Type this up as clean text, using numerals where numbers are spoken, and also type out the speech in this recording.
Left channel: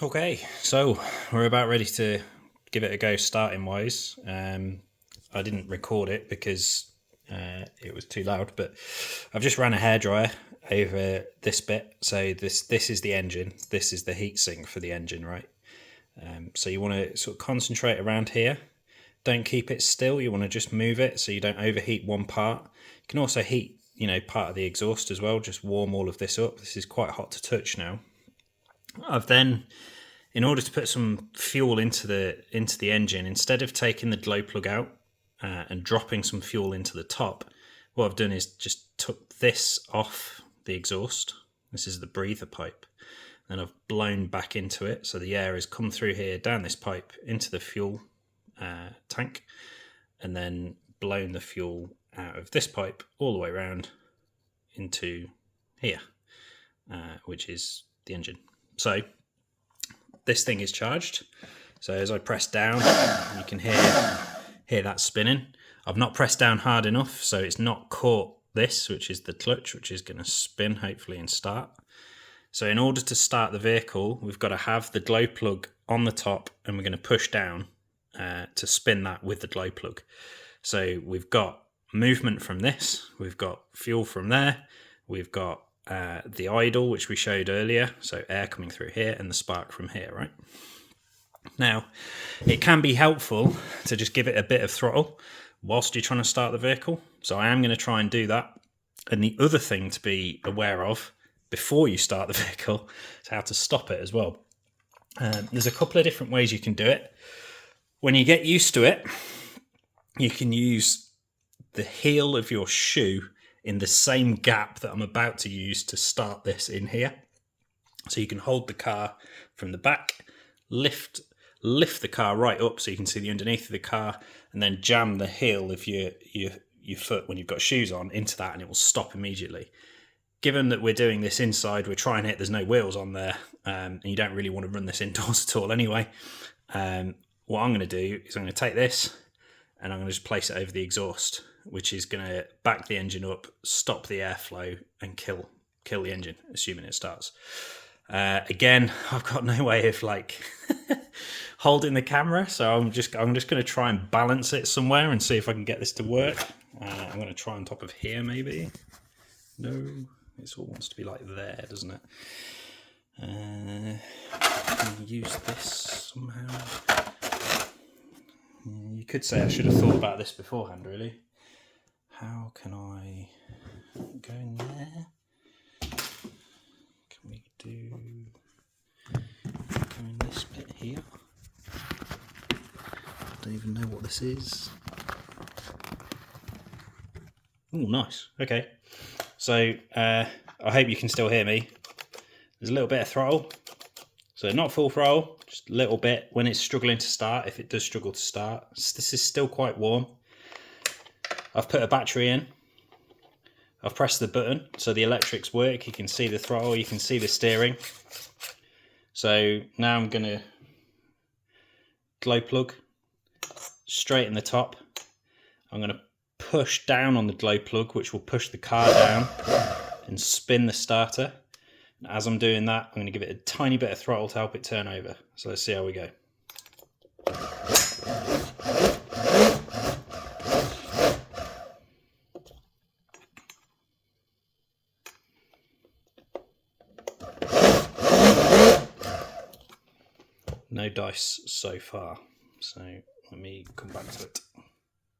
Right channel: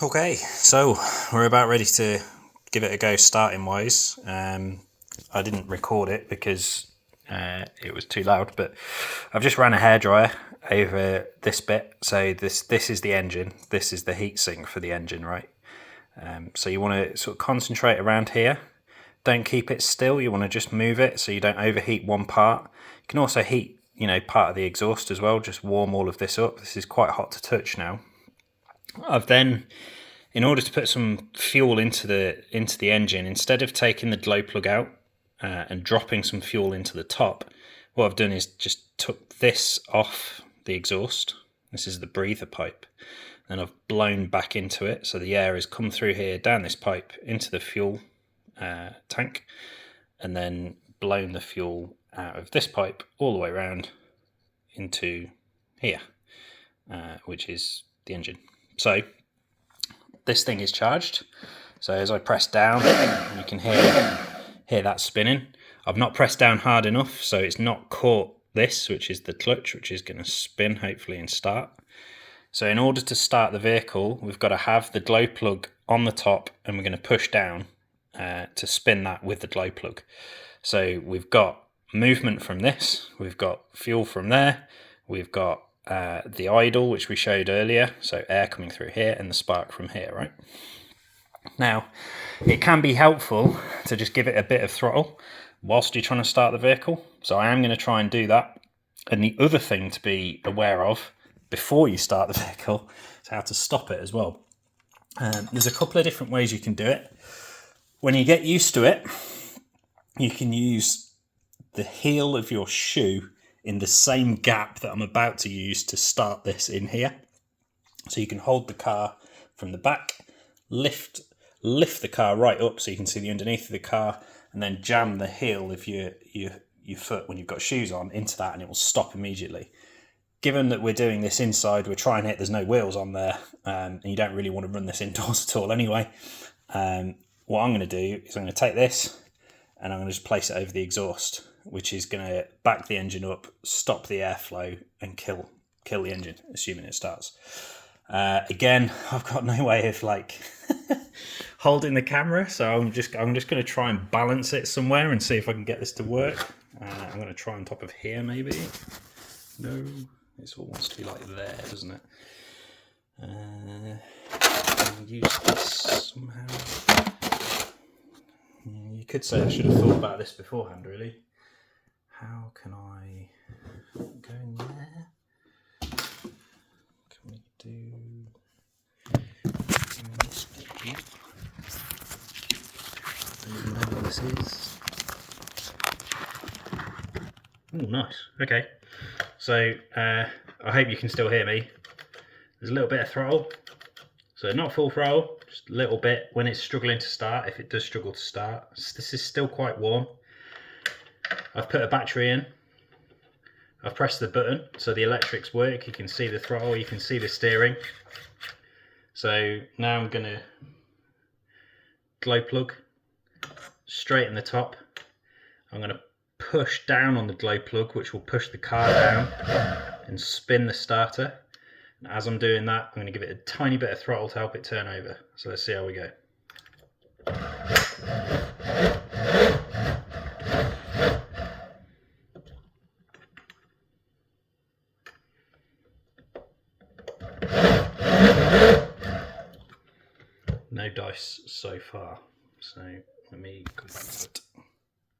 Okay, so we're about ready to give it a go starting wise. I didn't record it because it was too loud, but I've just ran a hairdryer over this bit. So this is the engine, this is the heatsink for the engine, right? So you want to sort of concentrate around here. Don't keep it still, you want to just move it so you don't overheat one part. You can also heat, part of the exhaust as well, just warm all of this up. This is quite hot to touch now. I've then, in order to put some fuel into the engine, instead of taking the glow plug out and dropping some fuel into the top, what I've done is just took this off the exhaust. This is the breather pipe. And I've blown back into it, so the air has come through here, down this pipe, into the fuel tank, and then blown the fuel out of this pipe all the way around into here, which is the engine. So this thing is charged. So as I press down, you can hear that spinning. I've not pressed down hard enough, so it's not caught this, which is the clutch, which is going to spin hopefully and start. So in order to start the vehicle, we've got to have the glow plug on the top, and we're going to push down to spin that with the glow plug. So we've got movement from this, we've got fuel from there, we've got the idle, which we showed earlier, so air coming through here, and the spark from here, right? Now, it can be helpful to just give it a bit of throttle whilst you're trying to start the vehicle. So I am going to try and do that. And the other thing to be aware of before you start the vehicle is how to stop it as well. There's a couple of different ways you can do it. When you get used to it, you can use the heel of your shoe in the same gap that I'm about to use to start this in here. So you can hold the car from the back, lift the car right up so you can see the underneath of the car, and then jam the heel of your foot when you've got shoes on into that, and it will stop immediately. Given that we're doing this inside, we're trying it, there's no wheels on there, and you don't really want to run this indoors at all anyway. What I'm going to do is I'm going to take this and I'm going to just place it over the exhaust, which is going to back the engine up, stop the airflow, and kill the engine, assuming it starts. Again, I've got no way of holding the camera, so I'm just going to try and balance it somewhere and see if I can get this to work. I'm going to try on top of here, maybe. No, it all wants to be like there, doesn't it? Can use this somehow. You could say I should have thought about this beforehand, really. How can I go in there? Can we do this bit here? I don't even know what this is. Oh, nice. Okay. So I hope you can still hear me. There's a little bit of throttle. So not full throttle, just a little bit when it's struggling to start, if it does struggle to start. This is still quite warm. I've put a battery in. I've pressed the button so the electrics work. You can see the throttle, you can see the steering. So now I'm going to glow plug straight in the top. I'm going to push down on the glow plug, which will push the car down and spin the starter. And as I'm doing that, I'm going to give it a tiny bit of throttle to help it turn over. So let's see how we go. No dice so far, so let me come back to it.